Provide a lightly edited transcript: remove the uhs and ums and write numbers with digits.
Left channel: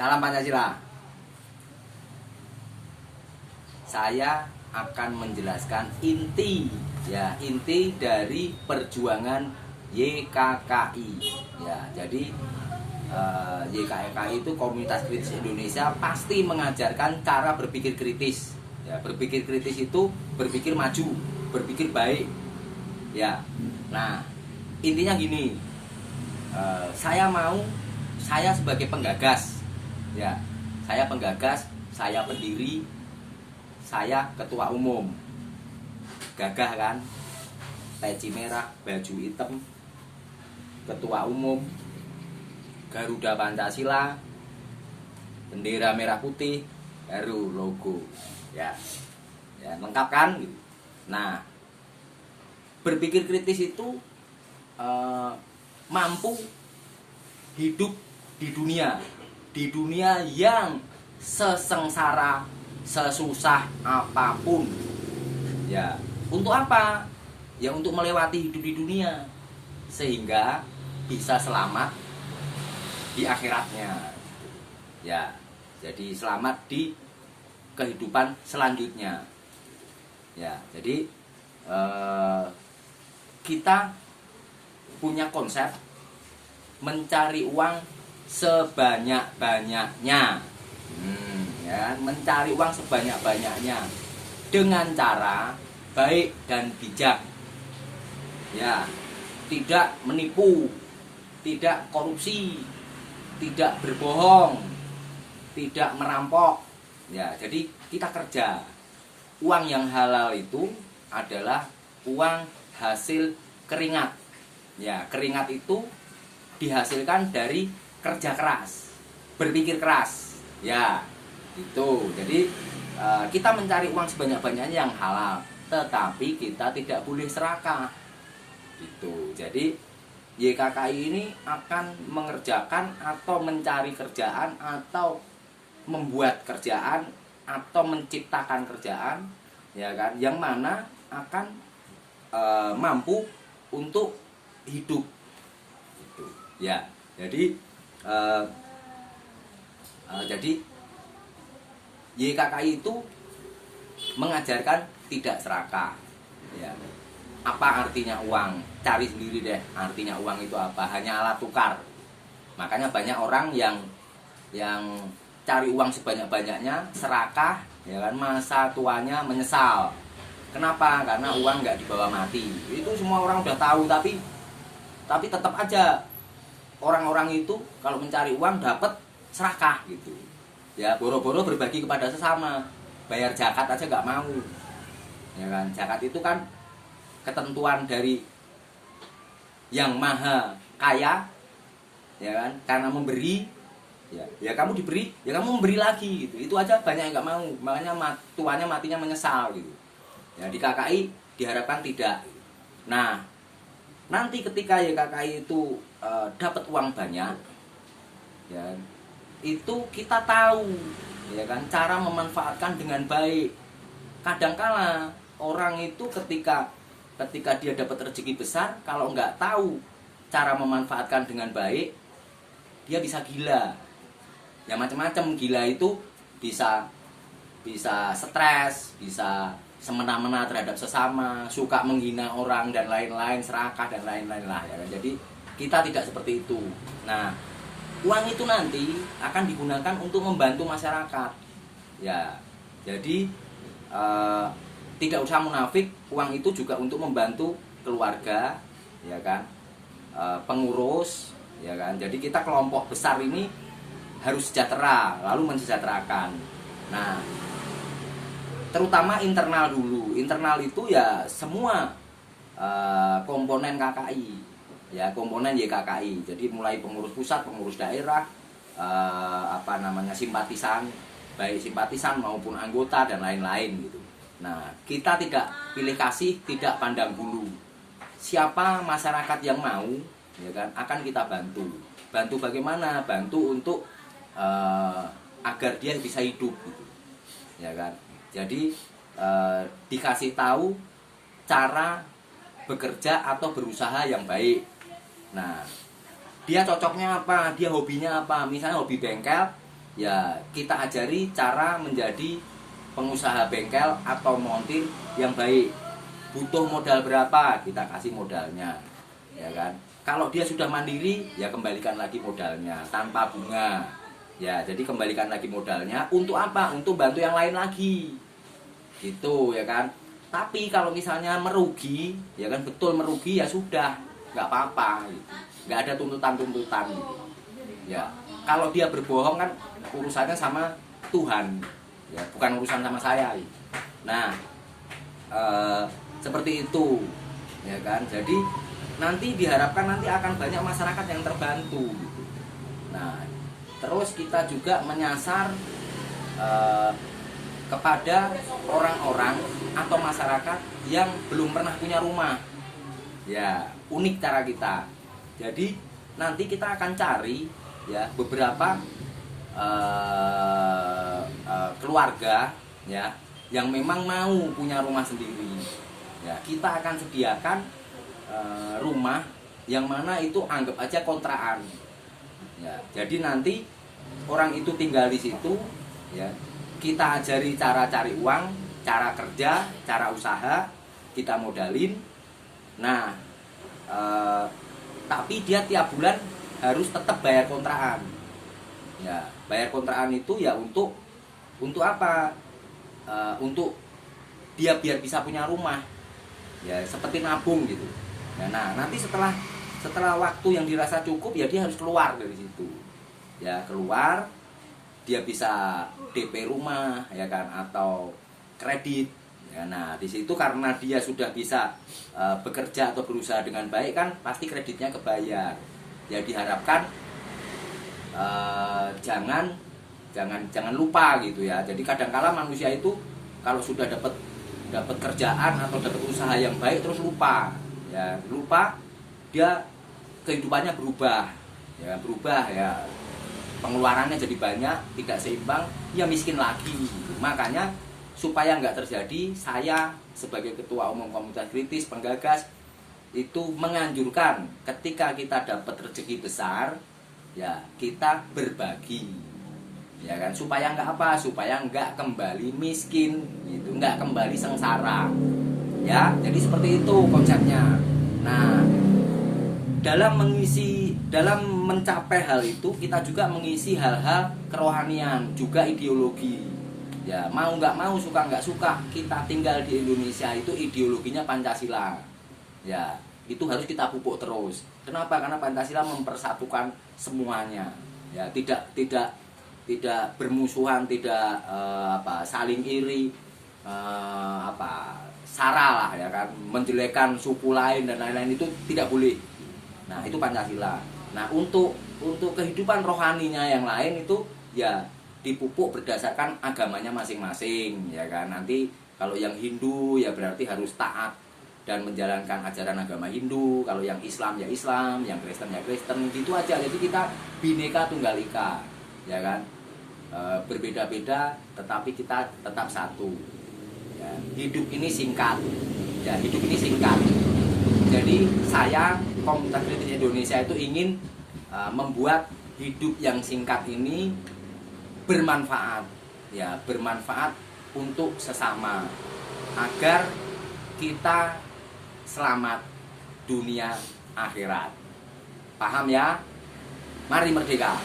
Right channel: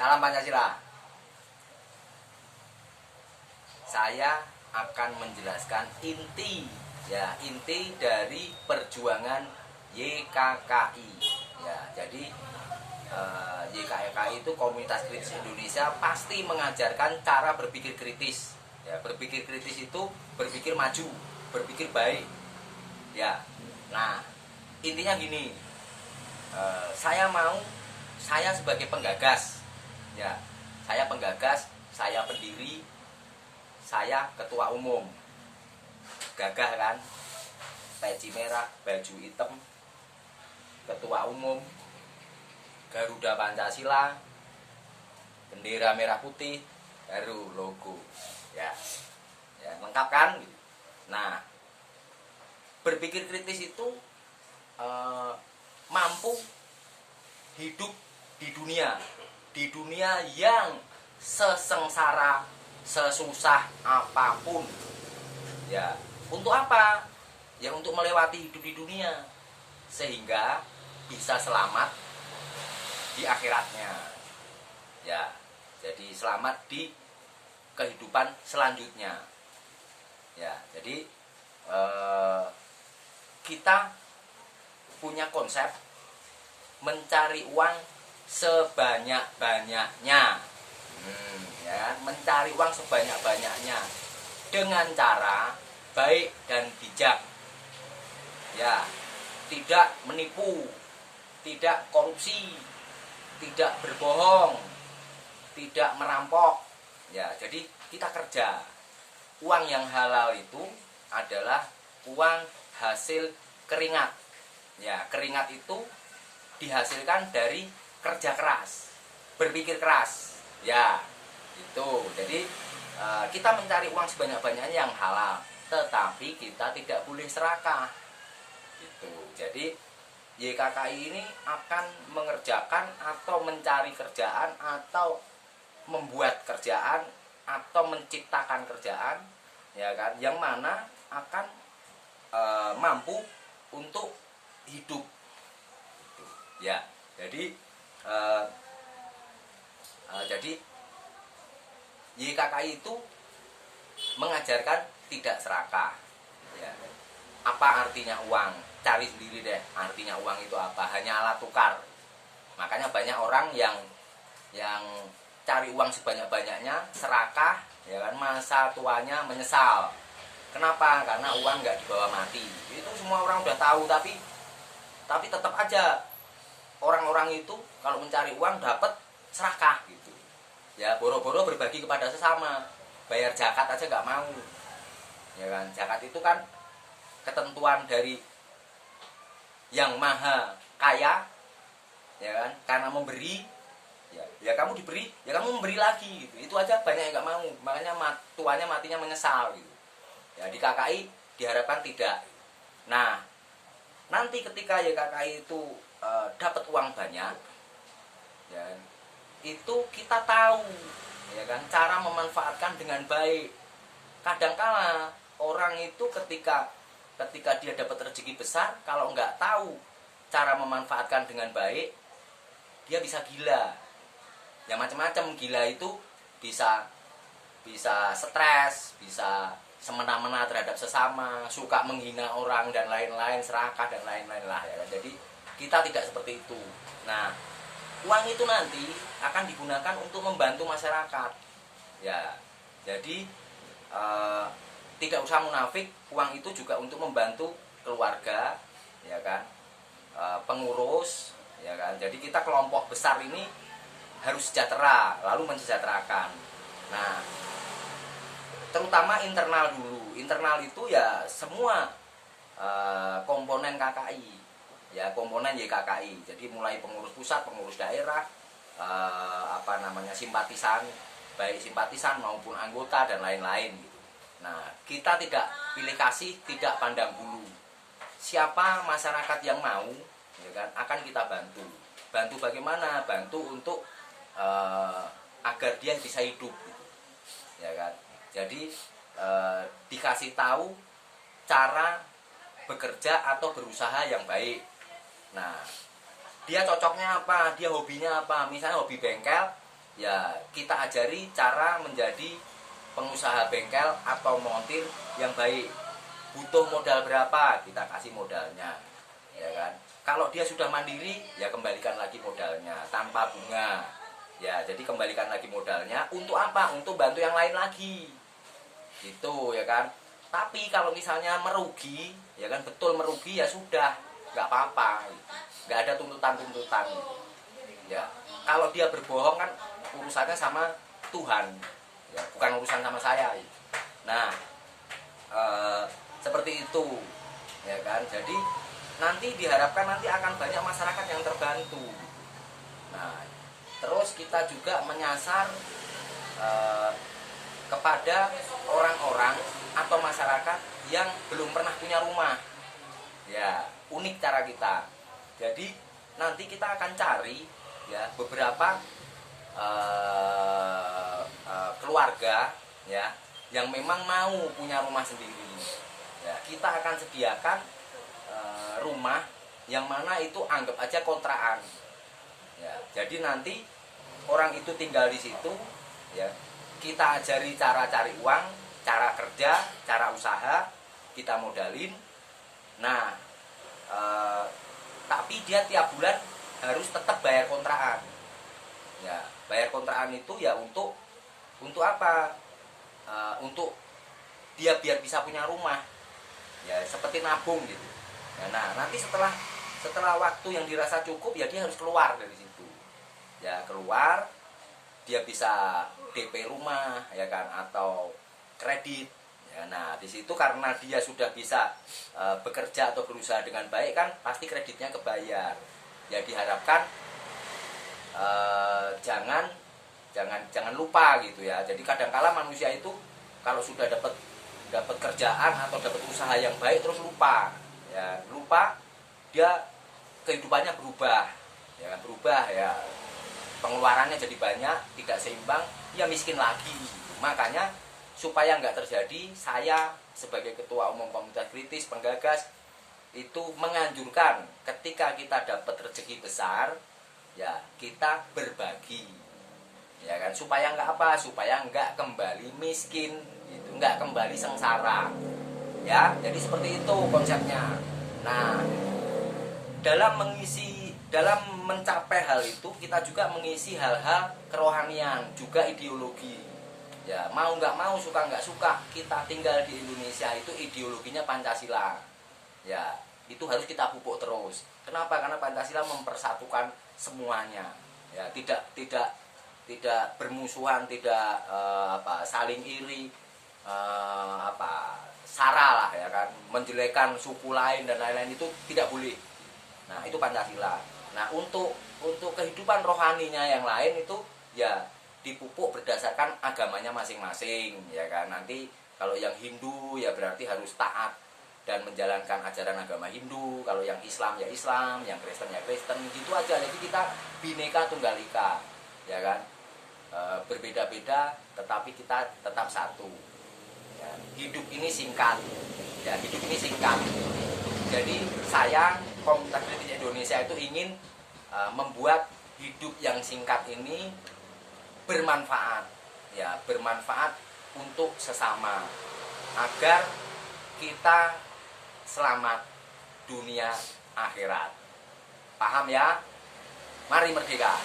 Salam Pancasila. Saya akan menjelaskan inti dari perjuangan YKKI. Ya, jadi YKKI itu Komunitas Kritis Indonesia pasti mengajarkan cara berpikir kritis. Ya, berpikir kritis itu berpikir maju, berpikir baik. Ya, nah intinya gini. Saya sebagai penggagas, ya, saya penggagas, saya pendiri, saya ketua umum. Gagah kan, peci merah, baju hitam, ketua umum, Garuda Pancasila, bendera merah putih, baru logo, ya, lengkap kan? Nah, berpikir kritis itu mampu hidup di dunia yang sesengsara, sesusah apapun. Ya, untuk apa? Ya untuk melewati hidup di dunia sehingga bisa selamat di akhiratnya. Ya, jadi selamat di kehidupan selanjutnya. Ya, jadi kita punya konsep mencari uang sebanyak-banyaknya. Ya, mencari uang sebanyak-banyaknya dengan cara baik dan bijak. Ya, tidak menipu, tidak korupsi, tidak berbohong, tidak merampok. Ya, jadi kita kerja. Uang yang halal itu adalah uang hasil keringat. Ya, keringat itu dihasilkan dari kerja keras, berpikir keras. Ya, itu. Jadi kita mencari uang sebanyak-banyaknya yang halal, tetapi kita tidak boleh serakah. Gitu. Jadi YKKI ini akan mengerjakan atau mencari kerjaan atau membuat kerjaan atau menciptakan kerjaan, ya kan, yang mana akan mampu untuk hidup. Gitu. Ya, jadi YKKI itu mengajarkan tidak serakah. Ya. Apa artinya uang? Cari sendiri deh. Artinya uang itu apa? Hanya alat tukar. Makanya banyak orang yang cari uang sebanyak-banyaknya, serakah, ya kan, masa tuanya menyesal. Kenapa? Karena uang nggak dibawa mati. Itu semua orang udah tahu, tapi tetap aja orang-orang itu kalau mencari uang dapat serakah gitu. Ya, boro-boro berbagi kepada sesama. Bayar zakat aja nggak mau. Ya kan? Zakat itu kan ketentuan dari yang maha kaya, ya kan, karena memberi, ya kamu diberi, ya kamu memberi lagi gitu. Itu aja banyak yang nggak mau, makanya tuanya matinya menyesal gitu. Ya, di KKI diharapkan tidak. Nah, nanti ketika YKKI itu dapat uang banyak, ya, itu kita tahu, ya kan, cara memanfaatkan dengan baik. Kadangkala orang itu ketika dia dapat rezeki besar, kalau nggak tahu cara memanfaatkan dengan baik, dia bisa gila. Ya macam-macam. Gila itu bisa stres, bisa semena-mena terhadap sesama, suka menghina orang dan lain-lain, serakah dan lain-lain lah, ya kan. Jadi kita tidak seperti itu. Nah, uang itu nanti akan digunakan untuk membantu masyarakat. Ya, jadi tidak usah munafik, uang itu juga untuk membantu keluarga, ya kan, pengurus, ya kan. Jadi kita kelompok besar ini harus sejahtera, lalu mensejahterakan. Nah, terutama internal dulu. Internal itu ya semua komponen KKI, ya komponen YKKI. Jadi mulai pengurus pusat, pengurus daerah, simpatisan, baik simpatisan maupun anggota dan lain-lain gitu. Nah, kita tidak pilih kasih, tidak pandang bulu. Siapa masyarakat yang mau, ya kan, akan kita bantu. Bantu bagaimana? Bantu untuk agar dia bisa hidup gitu. Ya kan? Jadi dikasih tahu cara bekerja atau berusaha yang baik. Nah, dia cocoknya apa? Dia hobinya apa? Misalnya hobi bengkel, ya kita ajari cara menjadi pengusaha bengkel atau montir yang baik. Butuh modal berapa, kita kasih modalnya, ya kan. Kalau dia sudah mandiri, ya kembalikan lagi modalnya tanpa bunga. Ya, jadi kembalikan lagi modalnya untuk apa? Untuk bantu yang lain lagi. Gitu, ya kan. Tapi kalau misalnya merugi, ya kan, betul merugi, ya sudah, nggak apa-apa gitu. Nggak ada tuntutan-tuntutan gitu. Ya, kalau dia berbohong kan urusannya sama Tuhan, ya bukan urusan sama saya. Nah, seperti itu, ya kan. Jadi nanti diharapkan nanti akan banyak masyarakat yang terbantu gitu. Nah, terus kita juga menyasar kepada orang-orang atau masyarakat yang belum pernah punya rumah. Ya, unik cara kita. Jadi nanti kita akan cari ya beberapa keluarga ya yang memang mau punya rumah sendiri. Ya, kita akan sediakan rumah yang mana itu anggap aja kontrakan. Ya, jadi nanti orang itu tinggal di situ, ya. Kita ajari cara cari uang, cara kerja, cara usaha, kita modalin. Nah, tapi dia tiap bulan harus tetap bayar kontrakan. Ya, bayar kontrakan itu ya untuk apa? Untuk dia biar bisa punya rumah. Ya, seperti nabung gitu. Ya, nah, nanti setelah waktu yang dirasa cukup ya dia harus keluar dari situ. Ya, keluar, dia bisa DP rumah ya kan atau kredit. Ya, nah, di situ karena dia sudah bisa bekerja atau berusaha dengan baik kan pasti kreditnya kebayar. Ya, diharapkan jangan lupa gitu ya. Jadi kadang-kala manusia itu kalau sudah dapat kerjaan atau dapat usaha yang baik terus lupa. Ya, lupa, dia kehidupannya berubah. Ya, pengeluarannya jadi banyak, tidak seimbang, ya miskin lagi gitu. Makanya supaya nggak terjadi, saya sebagai ketua umum komunitas kritis penggagas itu menganjurkan ketika kita dapat rezeki besar, ya kita berbagi, ya kan, supaya nggak apa, supaya nggak kembali miskin, gitu, nggak kembali sengsara, ya. Jadi seperti itu konsepnya. Nah, dalam mencapai hal itu kita juga mengisi hal-hal kerohanian, juga ideologi. Ya, mau nggak mau, suka nggak suka, kita tinggal di Indonesia itu ideologinya Pancasila. Ya, itu harus kita pupuk terus. Kenapa? Karena Pancasila mempersatukan semuanya. Ya, tidak bermusuhan, tidak saling iri, sara lah ya kan, menjelekan suku lain dan lain-lain itu tidak boleh. Nah, itu Pancasila. Nah, untuk kehidupan rohaninya yang lain itu ya dipupuk berdasarkan agamanya masing-masing, ya kan. Nanti kalau yang Hindu ya berarti harus taat dan menjalankan ajaran agama Hindu. Kalau yang Islam ya Islam, yang Kristen ya Kristen, gitu aja. Jadi kita Bhinneka Tunggal Ika, ya kan. Berbeda-beda tetapi kita tetap satu. Ya, hidup ini singkat. Ya, hidup ini singkat. Jadi saya Komunitas Kritis Indonesia itu ingin membuat hidup yang singkat ini bermanfaat, ya, bermanfaat untuk sesama agar kita selamat dunia akhirat. Paham ya? Mari merdeka.